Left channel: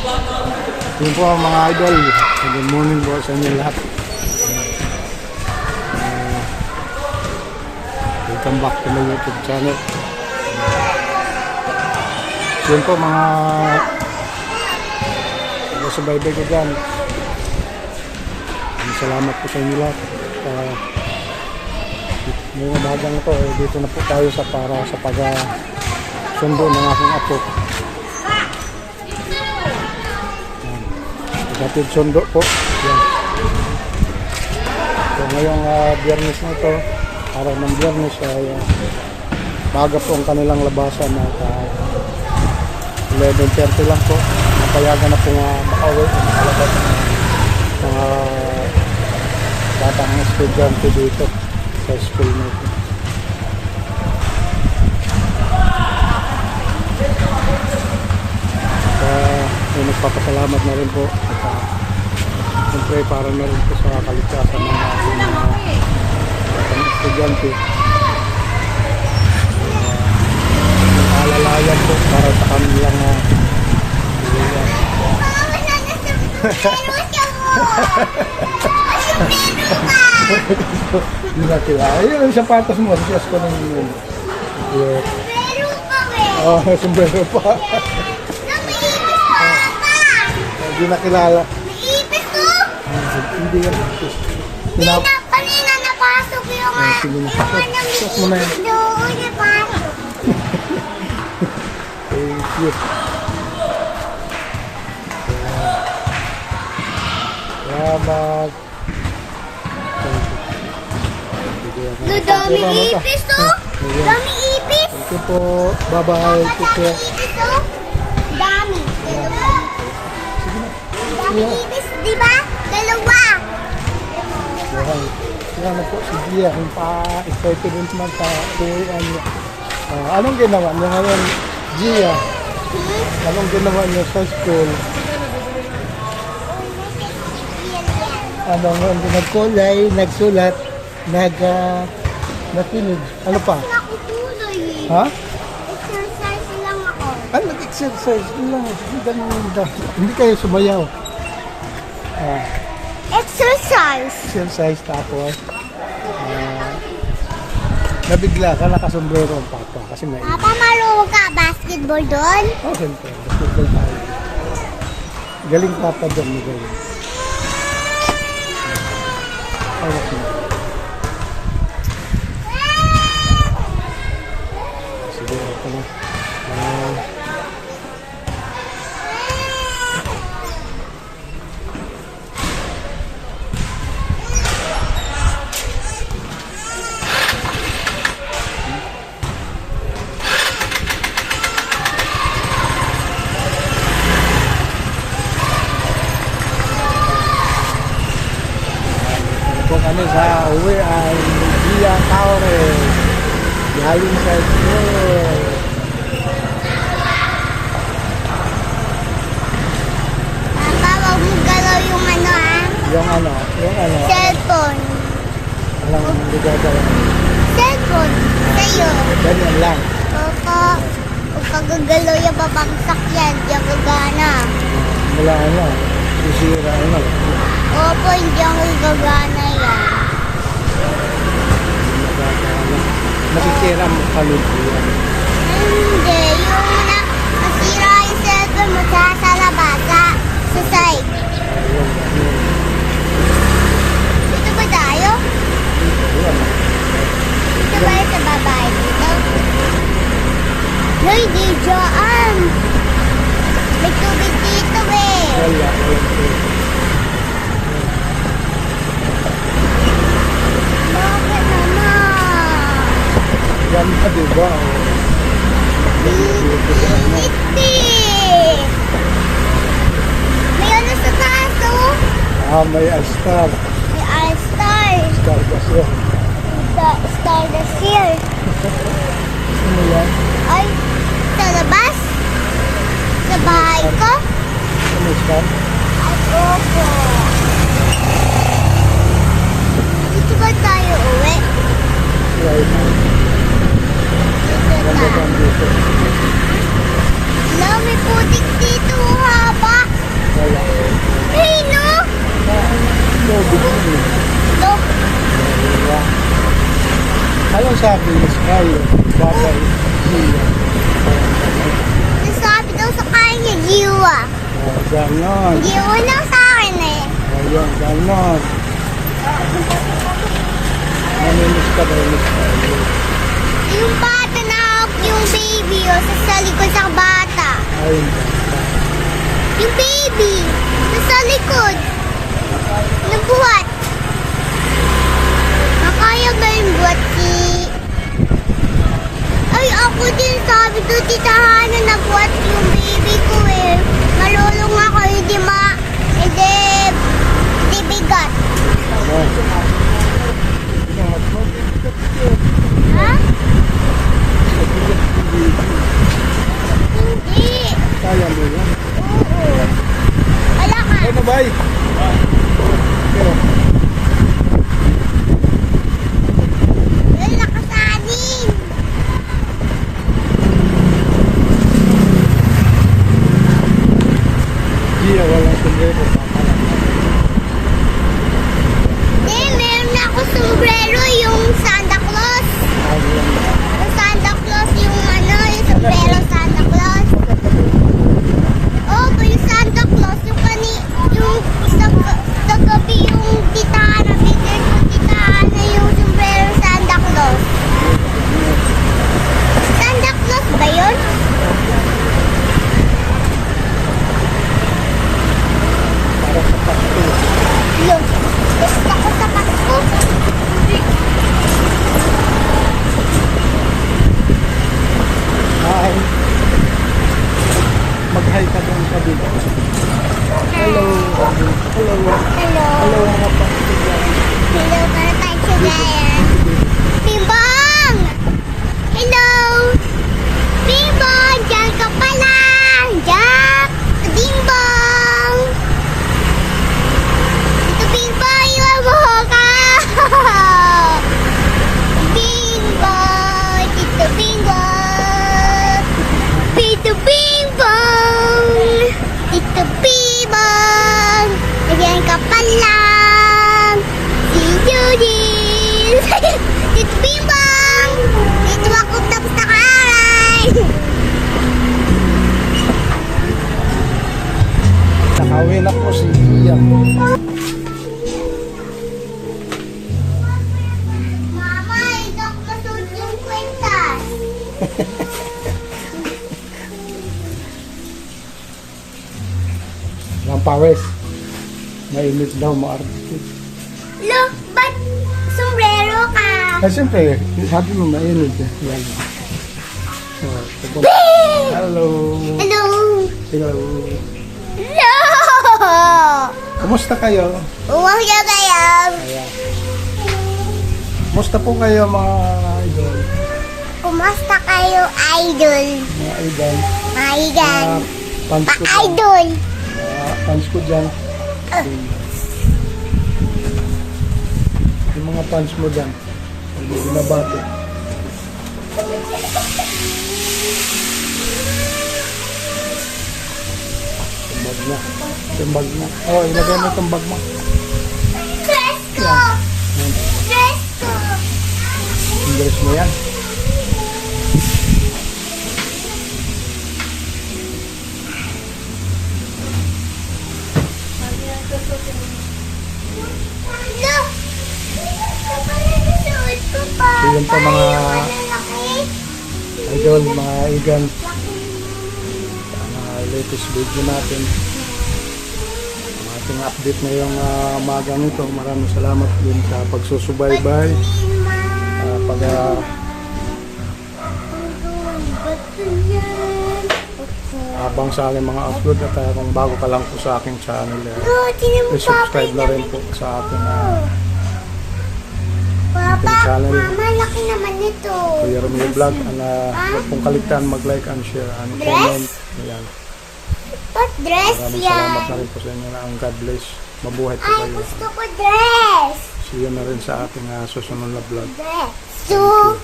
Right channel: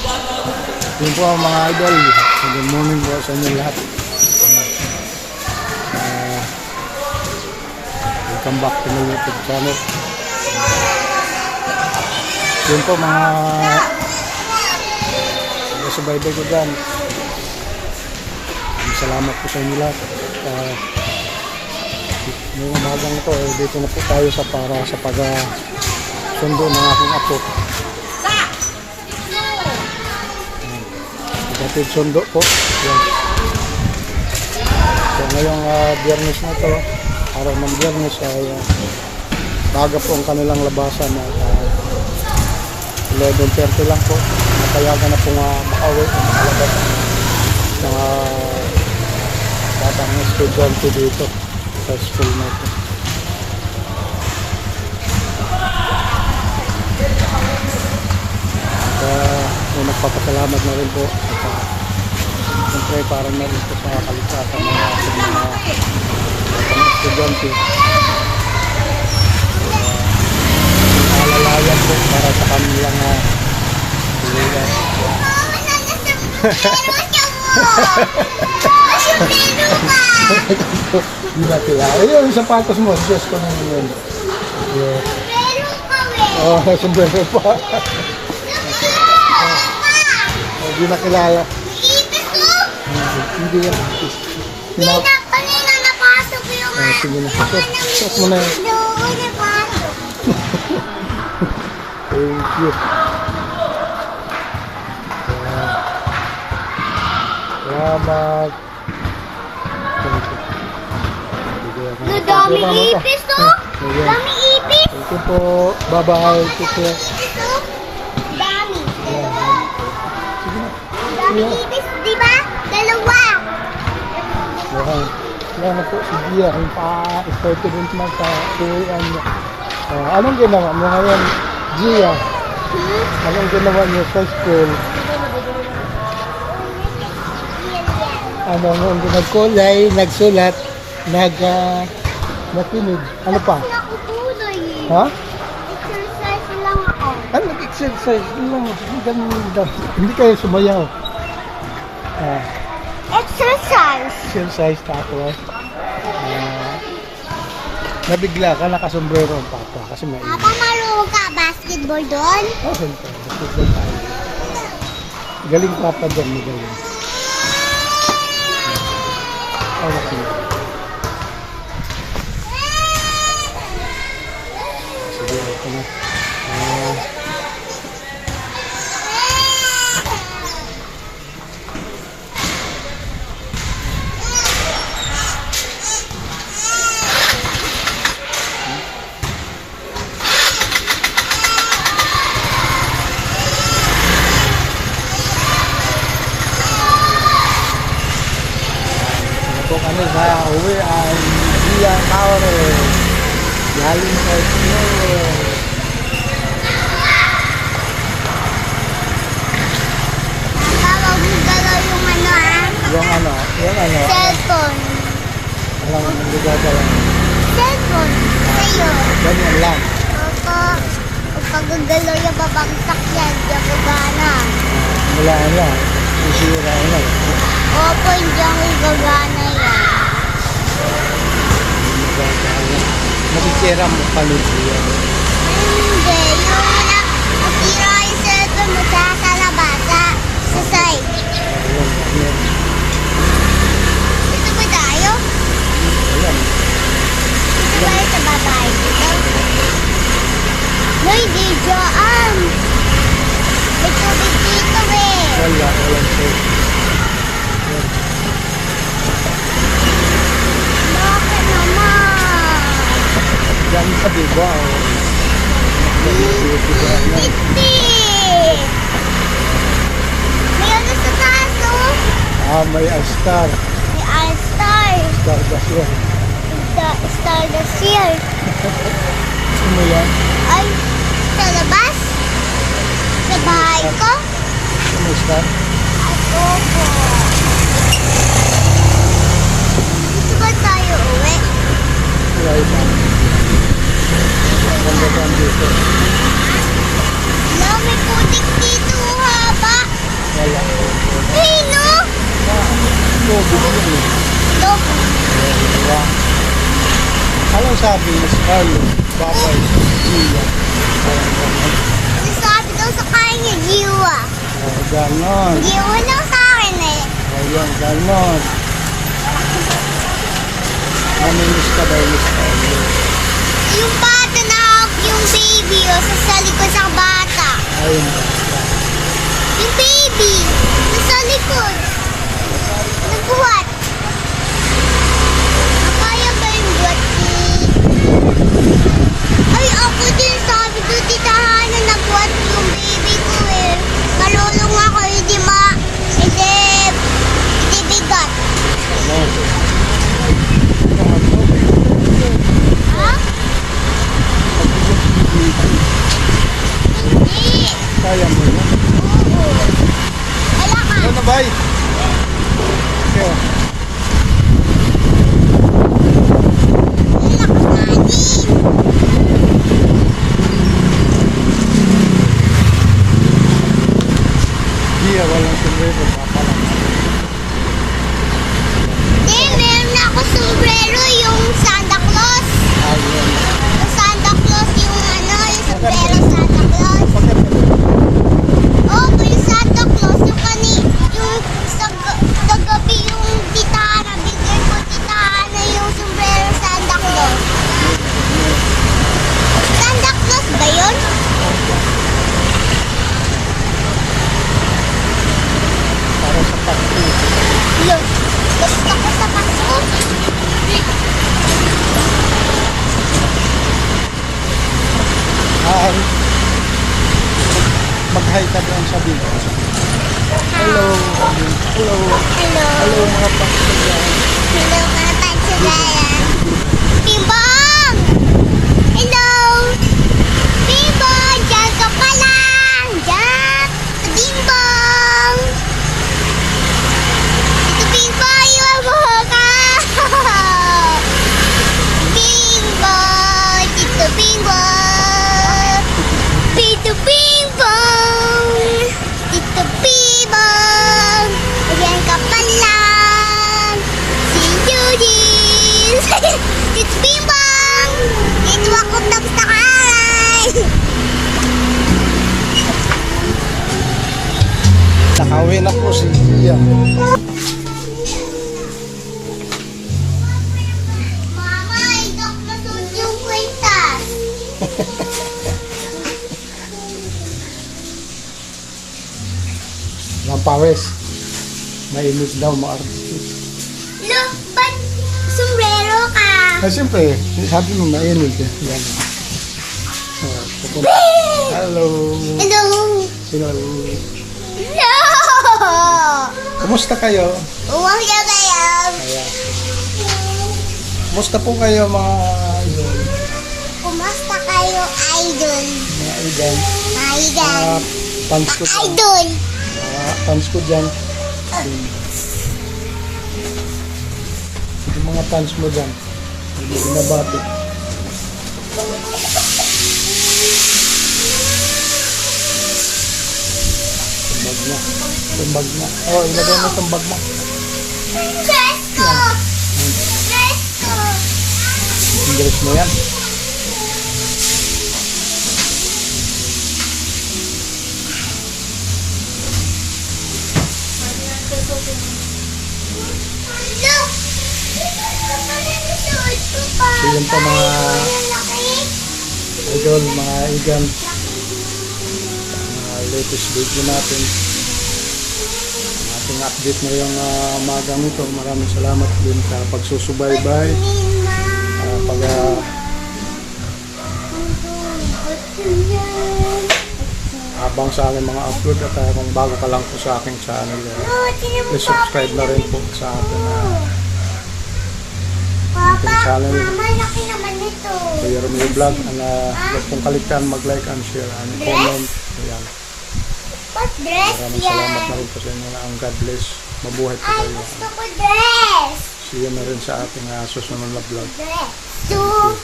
Yun po mga idol. Good morning po sa inyo lahat. Welcome back to my YouTube channel. Yun po mga subaybay ko dyan. Salamat po sa inyo lahat. Ngayong umagang ito, dito na po tayo para sa pag-sundo ng aking apo. Gatid sundo po. Yan. So ngayong biyernes na ito, araw ng biyernes ay baga po ang kanilang labasan at 11:30 lang po. Napayagan na po makauwi o makalabas ng mga batang estudyante dito sa school na ito. Nagpapasalamat na rin po at siyempre para na rin po sa kaligtasan ng ating mga batang estudyante. Alalayan po para sa kanilang pilihan. Hindi na kilala. Yung sapatos mo, siyas ko nang yun. Oo, sumbrero pa. Hindi na kilala. Hindi yan. Kanina napasok yung sige na. Sok mo na yan. Thank you. Salamat. Dami ipis to. Dami ipis. Thank you po. Bye-bye. Take care. Dami. Dami ipis, di ba? Dalawa. Yan po si Gia. Yung pa-excited naman sa tuwian niya. Anong ginawa niya ngayon, Gia? Anong ginawa niya sa school? Anong nagkulay, nagsulat, nakinig. Ano pa? Nakutuloy. Ha? Exercise lang ako. Ano nag-exercise? Hindi kayo sumayaw. Exercise. Exercise tapos. Nabigla ka, nakasombrero ang papa kasi may Papa, marunong ka basketball doon? oh, siyempre, basketball tayo. Galing papa doon, magaling. Hawak mo. Sige, ako na. Po kami sa uwi ay Gia Taures galing sa school. Papa, huwag mo galaw yung Yung ano? cellphone. Alam mo, gagawin. Cellphone. Sa'yo. Ganyan lang. Opo. Huwag ka gagalaw yung babangsak yan. Di ako gana. Wala na. Isira na. Opo, hindi ako gagana yan. Masisira mo kalod yan. Hindi. Yung nasira yung cellphone mo sa labasa. Sa side. Ayun. Dito ba tayo? Ayan. Dito ba sa babae dito? No, hindi dyan. May tubig dito eh. Walang safe. Bakit naman? Yan ka diba? Hindi. May ano sa taas oh. May star. May all-star. Star gasyon. Star the seal. Gusto mo yan? Ay, sa labas? Sa bahay ko? Ano star? Ay, opo. Dito ba tayo uwi? Right now. Ganda dito. Dami putik dito, haba. yun eh. Ito. Diba? Anong sabi ni Scarlett, Babay, Gia? Parang gano'n. Sabi daw sa kanya, Jiwa. Ganon. Jiwa lang sa akin eh. Ayun, ganon. Namimiss ka daw ni Scarlett. Yung bata na yung baby o sa likod sa bata. Ayun ba? Yung baby, nasa likod. Nabuhat. Nakaya ba yung buhat si... Ay, ako din sabi ko, titahan na nabuhat yung baby ko eh. Malulong ako, hindi bigat. Ano? Ha? Hindi. Kaya mo yan. Oo. Wala ka. Ano ba? Okay. Wala ka natin. Gia, walang sombrero. Papalang. Meron na ako sombrero yung Santa Claus. Ayun. Yung Santa Claus, yung sombrero Santa Claus. Oh, yung Santa Claus, yung sa gabi yung titahan na bigyan ko titahan na yung sombrero Santa Claus. Santa Claus ba yun? Para sa Pasko. Yun. Gusto ko sa Pasko. Hi. Mag-hi ka doon sa video. Hello. Hello. Hello. Hello mga Pasko dyan. Hello, para tayo sugayan. Pimbong! Hello! Pimbong! Diyan ka pa lang! Diyan! Pimbong! Ito Pimbong! Iwan mo ka! Pimbong! Tito Pimbong! Tito Pimbong! Tito Pimbong! Diyan ka pa lang! Si Judith! Tito Pimbong! Dito ako tapos na kain! Nakawin ako si Gia. Mama, hindi ako masuot yung kwentas. Lampawes. Mainit daw ma-artist. Look, ba't sombrero ka? Ah, siyempre, sabi mo mainit eh. Yan. Oh, pupunta. Hello. Hello! Hello. Hello! Kumusta kayo? Uwang siya kayo. Ayan. Kumusta po kayo mga idol? Kumusta kayo, idol? Mga idol. Idol. Mga fans ko dyan. Idol. Mga fans ko dyan. Yung mga fans mo dyan. Hindi binabati. Tumbag na. Tumbag na. Oh, ilagay mo itong bag mo. Presto! Presto! Yung dress mo yan. Look! Suot ko pa. So yun po mga Lalaki. idol, mga igan. Ang latest video natin. Ang ating update ngayong magang ito. Maraming salamat din sa pagsusubaybay. Pag abang sa aking mga upload at kung bago ka lang po sa aking channel, please subscribe na rin po sa ating Papa, channel. Mama, laki naman ito. Kuya Romeo Vlog. Huwag pong kaligtaan mag-like and share and comment. Ayan. What dress Maraming yan? salamat na rin po sa inyo na ang God bless. Mabuhay po Ay, kayo. gusto ko dress. See you na rin sa ating susunod na vlog. Dress. Thank you.